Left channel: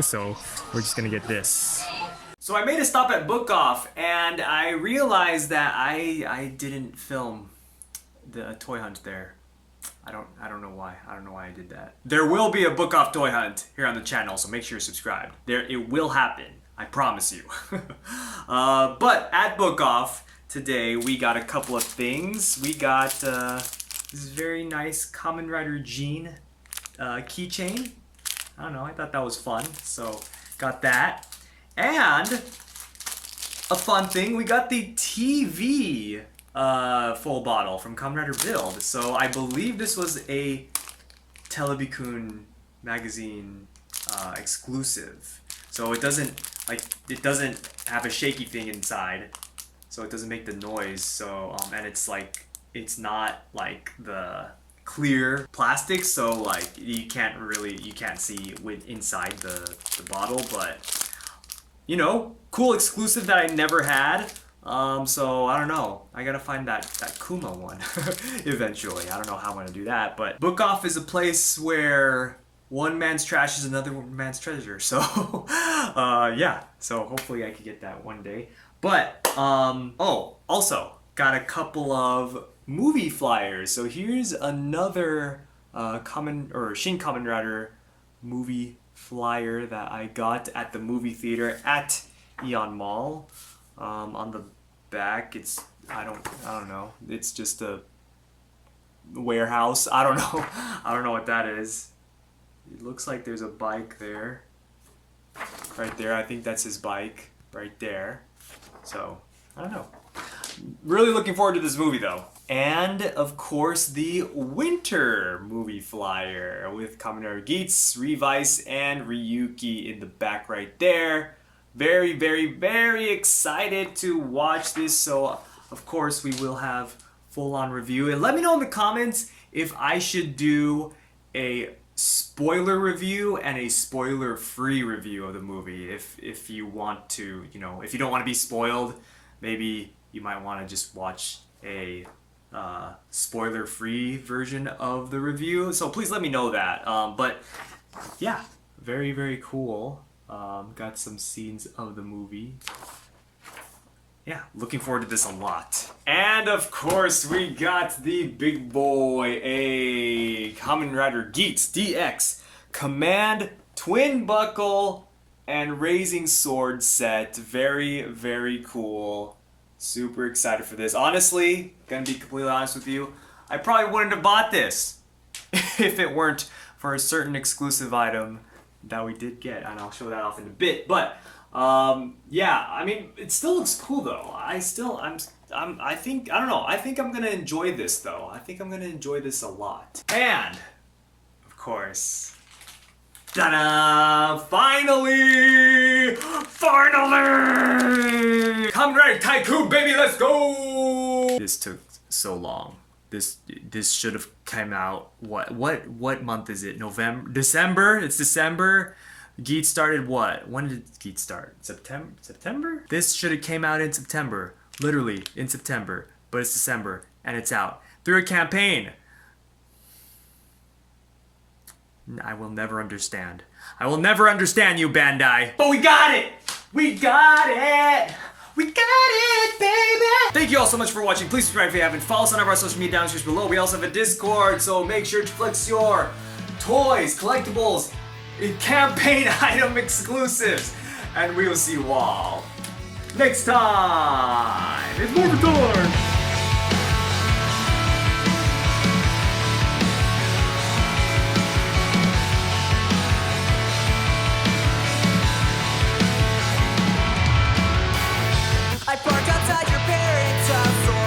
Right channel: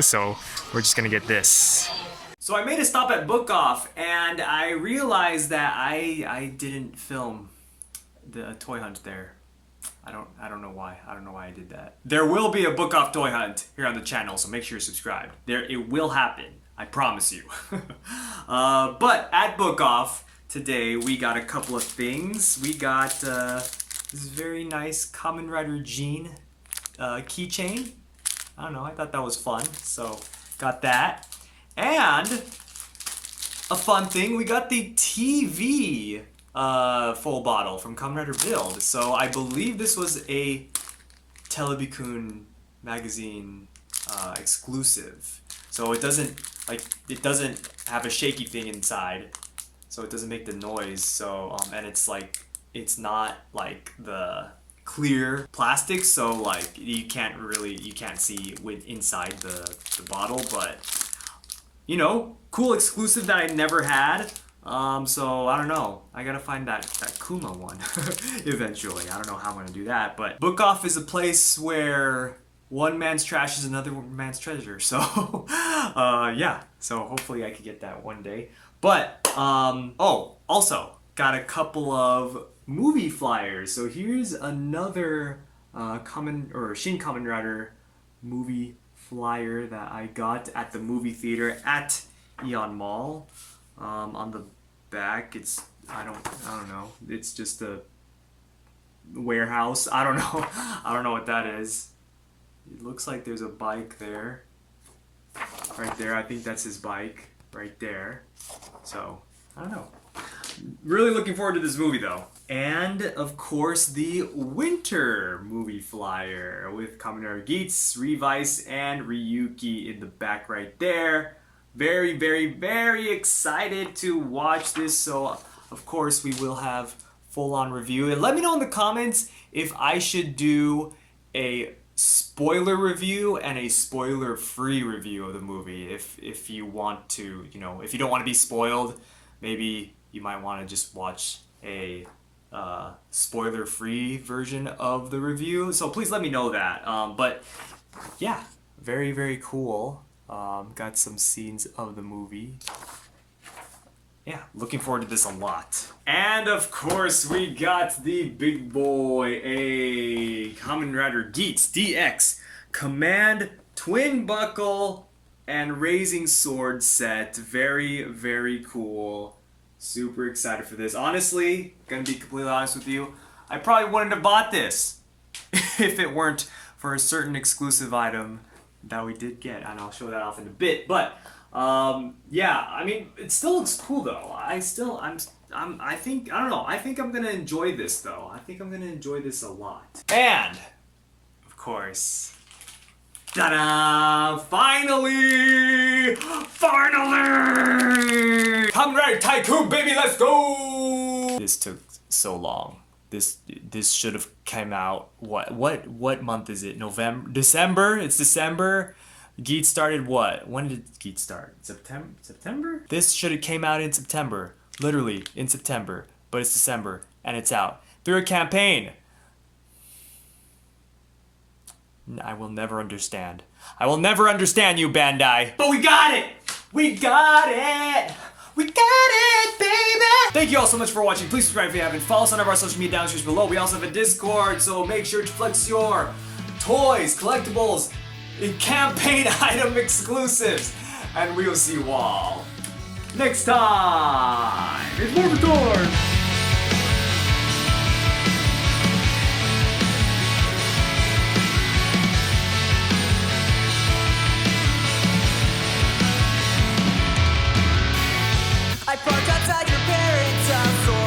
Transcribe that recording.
So we're just gonna get this. So I made a stop at Book Off, and I realized that I didn't film the toy hunt there. I don't know why. I don't know why I did that. There will be a Book Off toy hunt here on the channel, so make sure you're subscribed. It will happen. I promise you. But at Book Off today, we got a couple of things. We got this very nice Kamen Rider Jean keychain. I don't know, I thought that was fun, so got that. And a fun thing, we got the TV full bottle from Kamen Rider Build. So I believe this was a Tycoon magazine exclusive. So it doesn't have a shaky thing inside, so it doesn't make the noise. So and it's not like the clear plastic, so like you can't see with inside the bottle, but you know, cool exclusive that I never had. So I don't know, I gotta find that Kuma one eventually. I don't know how I'm gonna do that, but Book Off is a place where one man's trash is another man's treasure. So yeah, so hopefully I could get that one day. But oh, also got a couple of movie flyers. So here's another Shin Kamen Rider movie flyer that I got at the movie theater at Eon Mall. On the back, it's I don't know. It's just a warehouse. I don't know. I don't know what that is. It looks like there's a bike there. Right there. I think that's his bike right there. So I don't know. Really looking forward to this movie though. And of course the winter movie flyer with Kamen Rider Geats, Revice, and Ryuki in the back right there. Very, very, very excited to watch this. So of course we will have full-on review. And let me know in the comments if I should do a spoiler review and a spoiler-free review of the movie. If you want to, you know, if you don't want to be spoiled, maybe you might want to just watch a spoiler-free version of the review. So please let me know that. But yeah, very, very cool. Got some scenes of the movie. Yeah, looking forward to this a lot. And of course, we got the big boy, a Kamen Rider Geats DX Command Twin Buckle and Raising Sword set. Very, very cool. Super excited for this. Honestly, gonna be completely honest with you, I probably wouldn't have bought this if it weren't for a certain exclusive item that we did get, and I'll show that off in a bit. But yeah, I mean, it still looks cool though. I think I'm gonna enjoy this though. I think I'm gonna enjoy this a lot. And of course, ta-da! Finally! Kamen Rider Tycoon, baby, let's go! This took so long. This should have come out, what month is it? November? December? It's December. Geats started what? When did Geats start? September? This should have came out in September. Literally in September. But it's December and it's out. Through a campaign. I will never understand. I will never understand you, Bandai. But we got it! We got it! We got it, baby! Thank you all so much for watching. Please subscribe if you haven't. Follow us on our social media downstairs below. We also have a Discord, so make sure to flex your toys, collectibles, and campaign item exclusives. And we will see you all next time. It's Movie Tour! I parked outside your parents' house.